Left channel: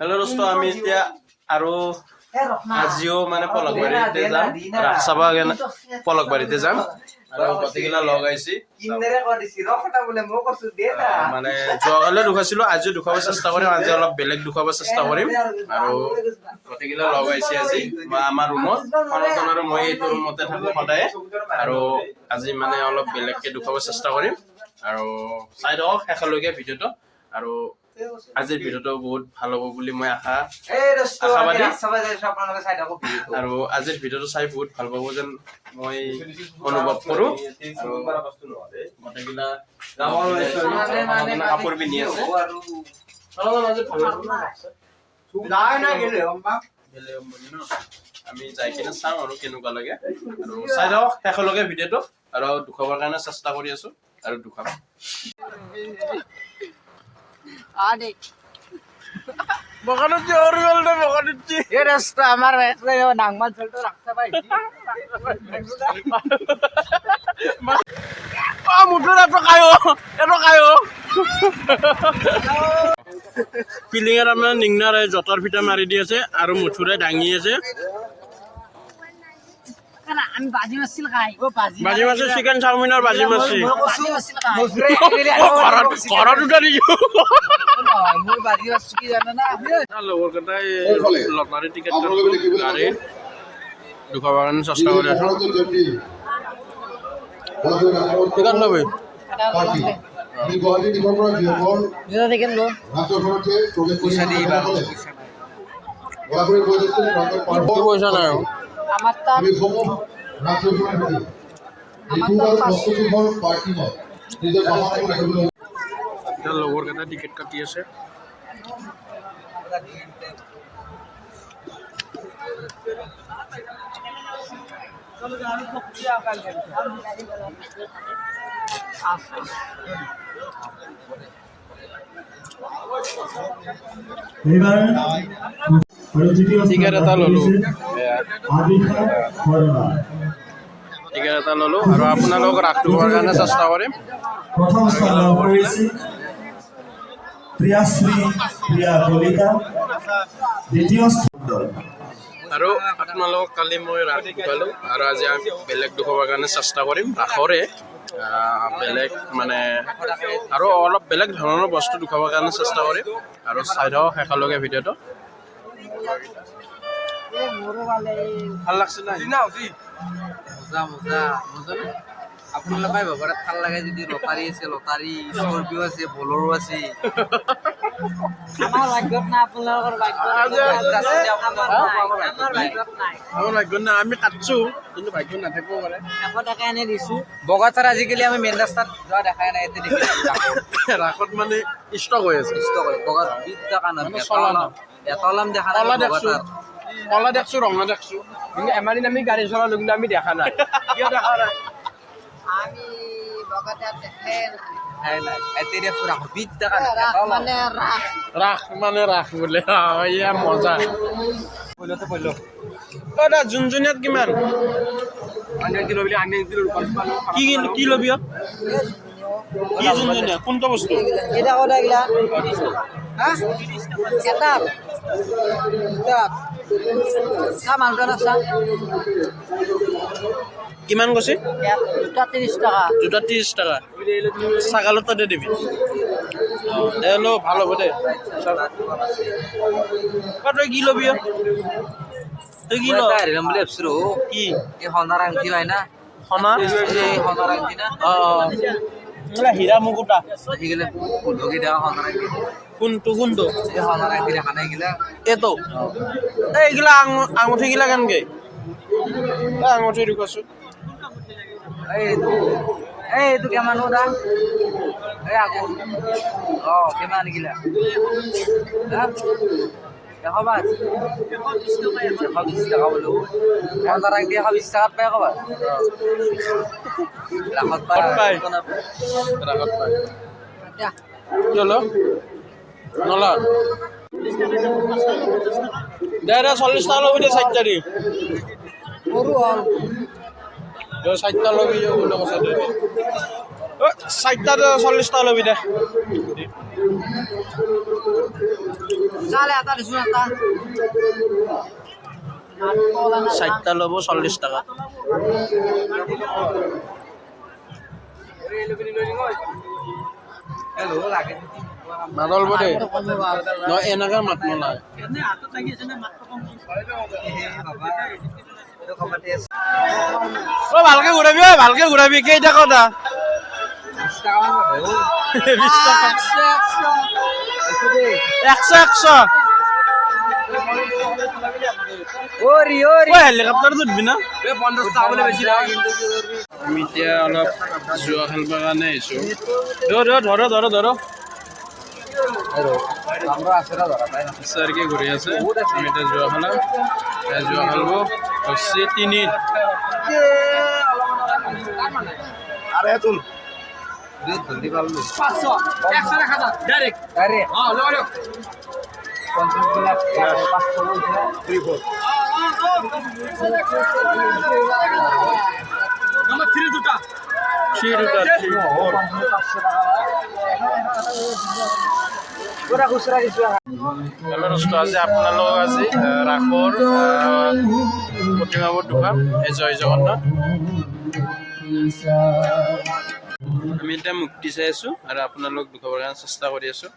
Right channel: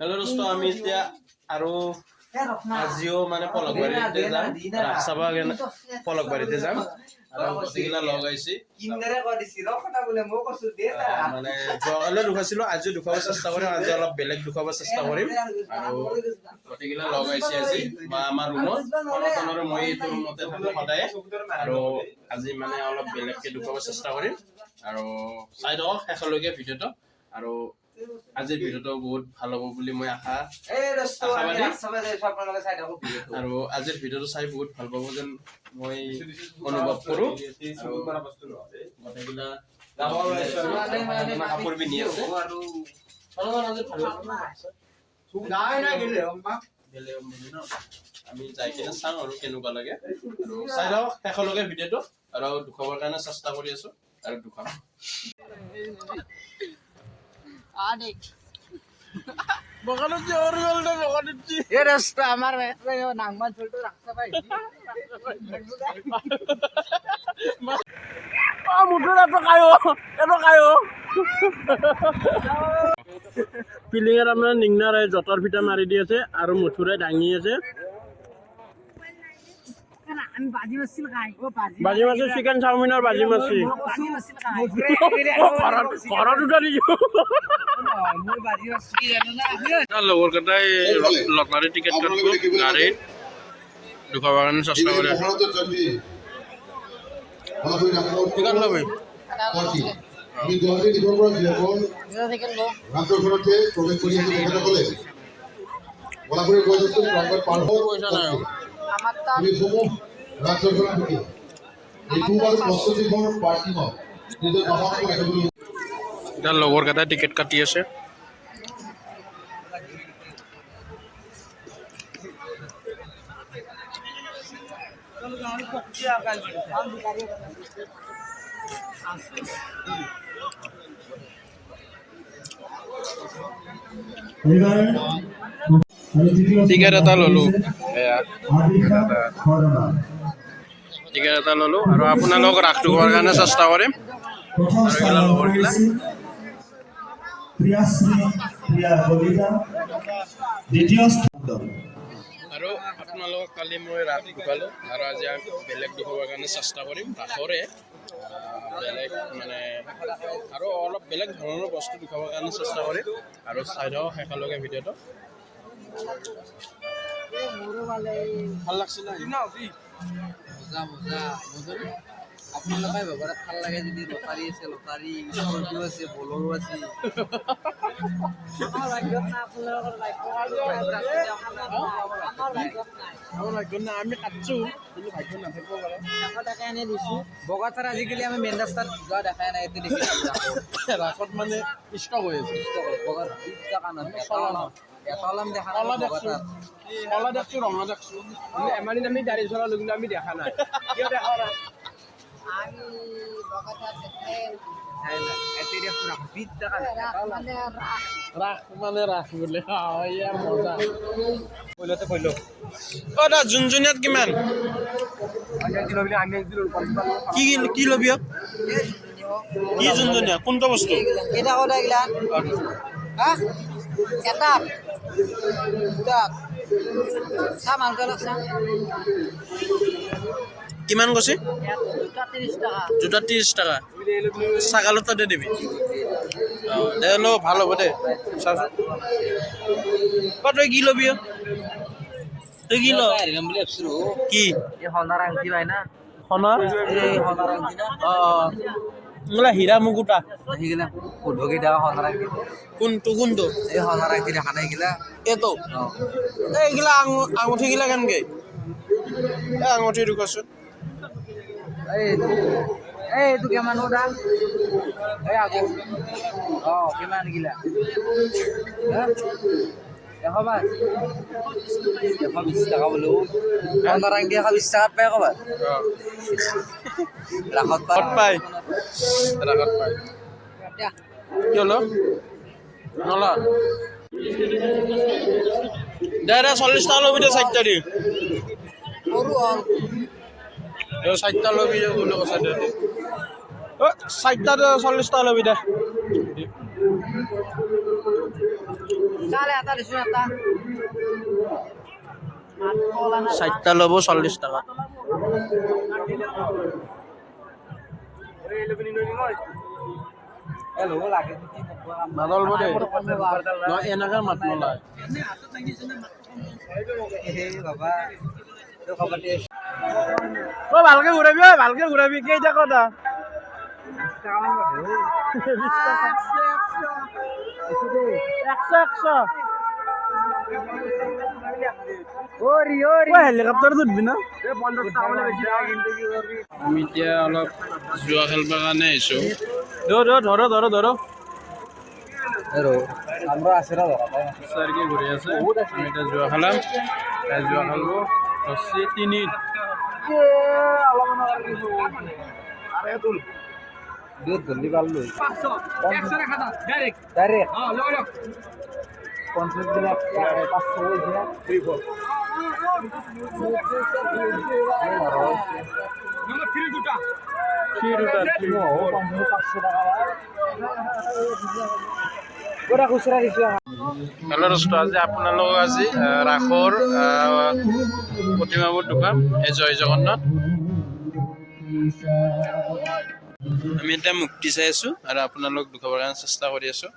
Hello दोस्तों আমি এতিয়া আৰু আজিও মানে পলকবাৰীতে যাম ৰাখচাবা পলকবাৰীতে যাম আৰু গতিকেলা লগ আইছি কিনৰে কৰিছি ৰখটা বলে মই কৈছো দে মানে যোৱাকালে দুখাইছিলো আজি দুখাব চেষ্টা কৰিম আজি অলপ বেলেগ দুখাব চেষ্টা কৰিম আৰু গতিকেলা লগ আইছি আজি আমাৰ ৰুমত ফৰতন আৰু মই এই ৰুমতে থাকো সদায় আৰু আজি মানে অলপ বেলেগকে দুখাব চেষ্টা কৰিম আৰু চাই দিয়ক একেলগে ভিডিঅটো আৰু আজিৰ ভিডিঅটো বহুত ভাল হ'ব বুলি মই আশাবাদী আৰু আজিৰ ভিডিঅটো চাই বহুত ভাল পাব যেন মই অনুভৱ কৰো গোটেইকেইটা কাপোৰ পিন্ধি আছে আমি যাই কিনে চাওঁ আৰু কেনেকুৱা লাগে আৰু চাই দিয়ক একেলগে ভিডিঅটো আৰু দুখাবৰ কাৰণে চেষ্টা কৰি আছো আৰু দুখাম आने बगानुची और बोलते बगानुची ये रास्ता हमारा ऐसे यो नांगमान चलतो रास्ता भाई आ मुठरा तो कायो पिलिंगार আমরা নিংনারে জটার ফিটা মারি দিয়েছে আর মুঠুরে ডাঙি আছে আমি বাজি মাছিল খাই ও বাজি মাছিল চিকেন চাউমিনৰ বাজি মাছিল মুঠুৰে ঘৰত উঠা দিছো মই বাজি মাছ কি জানা না লগৰ কথাই লকাৰি টিকেট কাটব গাড়ী দুখাবাগান চেষ্টা কৰি আছো টিকেট লবে আমি গুৱাহাটী দিগৰ পৰা বিয়পৰ যেটা দেখেন লো ৰাজঘৰতে প্ৰৱেশ পইচা দি বলাগুৰি বজাৰতে নম্বৰ পাৰ পইচা নাই আমাৰ তা আমি সমুহ ৰাজঘৰৰ প্ৰতি আমাৰ প্ৰস্তুতিৰ পাৰ্টি হয় নিজৰ বাহন ৰাখিবলৈ তাৰ লগৰ কেইটা টিকেট কাটি আছে টিকেট এটা ললো আৰু আপোনালোক ৰাখটো হোৱাৰ কাৰণে চেষ্টা কৰিম प्रथम स्थान लाभ কৰিছে প্ৰিয়াশ্ৰী প্ৰিয়া কলিতা দ্বিতীয় স্থান আৰু আপোনালোক কালি মই ৰাখ পালো আৰু আজি বেলেগ দুখবৰ কাৰণে চেষ্টা কৰিম ৰাখৰে বেলেগ মানে আৰু অলপ বেলেগ ধৰণৰ বস্তু দুখাবৰ কাৰণে চেষ্টা কৰিম আৰু চাই দিয়ক একেলগে ভিডিঅ'টো ভাল লাগছে না মজা মজা মজা আপোনালোকে পাই ভাবৰা ভাল লাগে যদি লটাৰী আছে লটাৰী স্কৰপিঅ আছে বলেৰো আছে আমাৰ ভাগ্যত না আপোনালোকৰ ভাগ্যত আমাৰ ভাগ্যত না আমি কাটছো কিন্তু ভাগ্যত নাথাকিব পাৰে এখন টাকা এনে দিছো বগাতাৰ আজিকালি আমি মেইন ৰাস্তাত যোৱা দেখাই নাই এতে দেখি ৰাখত মানে ষ্টক হৈ আছে ষ্টক হয় বগাত 20 টাকা না এতলাম দেখা নাই বগাতাৰ কলা দেখছো ৰঙা দেখছো কিন্তু এমানি আমি গাড়ী চলালো কিন্তু আমি দেখা নাই কিয় দেখা নাই আমি বগাতাৰ দেখাই নাই নাই এতেৰে পুৰা 20 টাকা ৰাখ মানে ৰাখ বোলে ইয়া মজা কইলতে কইলো ওটা জুনজুনিয়াত কিমান আনে কিলো বিলে আনে কিলো কি লবি কি জুনজুনিয়া কোনটা বস্তু এটা কথা গিলা হ্যাঁ এটা সামান গলাছা কিমান কৈছে জোতা 30 টাকা জোতা 30 টাকা ছাগালতে দে দিবি দে ল ভাল হ'ব দে কতই কি লবি তুই কি ল আইরম বলে এবছৰো কি এই হনাৰ আংটি হয় না হনা এই হনাৰ আংটি না মানে হীৰা মুকুটা হিগলে ফুলবগে দেওয়া হনাৰ আংটি কোনটো এই হনাৰ আংটি দেখা নাই গিলা এটো এইগিলা আঙুঠি গিলা কেনকে আঙুঠি ঢুকাছো এই tu keman udah aku oh keman gila ya khabar ya habis taka bolu orang orang dia habis sangat pa khabar lakot pa lakot pa ya yolo nola daerah 40 টাকা লবি 60 টাকা yo 60 টাকা লবি বলে কথা দে 60 টাকা 40 টাকা লবি দে চালে এটা দিছো এটা 60টা ল'ব 40 টাকা হেল্ল' লাগে মানল বদে ন এনেকা মাত নলাই এনে হাতত লাগি আছে নে মাত কম হে বাবা তো কমাটি আছে ও ভালকে ঘুৰাবি কেইটা কথা 20 টাকা মান দেও 20 টাকা 100 ওৰি হেলিকপ্টাৰ উঠবি না 50 টাকা বলে বেছি লাগে কিন্তু কি কৰবি আমি এতিয়া অলপ জুৱা খেলবা কাৰণে আহিছো ধৰ আমরা আসেরা ধরা তাই না স্যার কি ঘুরে আছে আমি এটা জুয়া খেলাম জুয়া খেলবো হচ্ছে 3 আরে তুল জলদি পারলো 500 100 টাকা ডাইরেক্ট হ্যাঁ লো 50 লাখ 500 বলছিলা 34 নাম্বার 3 দুটা 500 টাকা হেল্ল' দোস্ত আজি আপোনালোক আজি ৰাসৰ প্ৰতিমাবোৰ দোকান এই জয় জগন্নাথ আমি এতিয়া মুক্তি চাই আছোঁ আৰু আপোনালোক দুখাবৰ কাৰণে চেষ্টা কৰি আছোঁ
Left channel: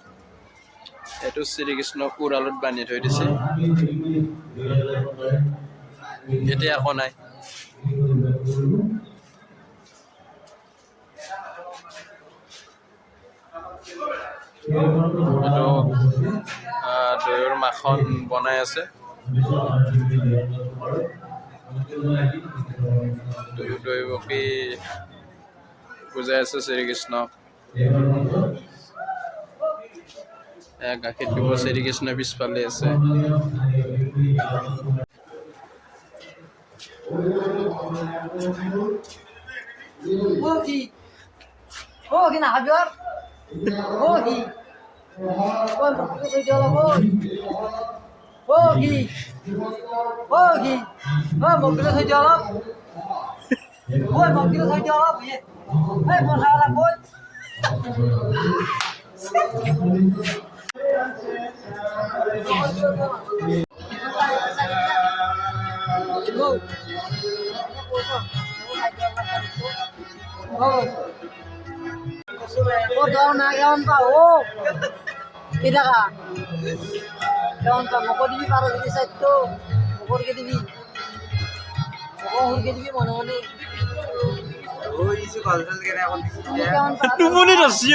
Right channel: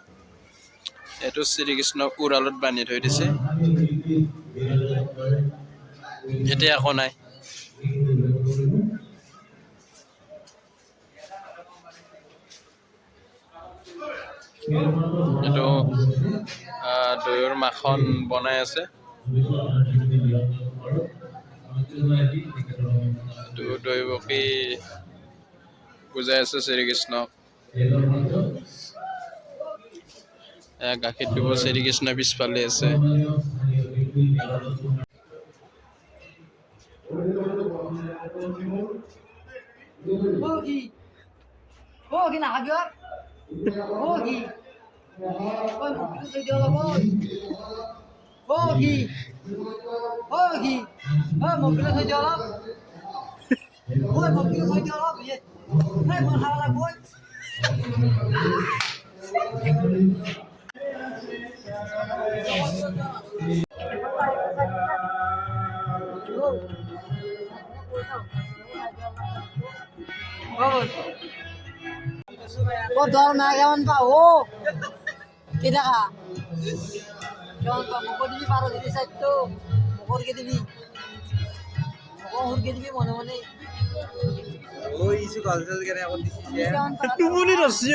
এইটো শ্ৰীকৃষ্ণক উৰালত বান্ধি থৈ দিছে এতিয়া একো নাই এইটো দৈৰ মাখন বনাই আছে দৈ বকি বুজাই আছে শ্ৰীকৃষ্ণক গাখীৰ দিব শ্ৰীকৃষ্ণ পিছফালে আছে Oh, down na yawan pa. Oh. Tidak ka. Yawan pa. Mukha dibi para dibi side to. Mukha ke dibi. Mukha ke dibi mone mone. Oh, isu kalsal kena akon disi. Yawan pa. টোপনি ধৰছি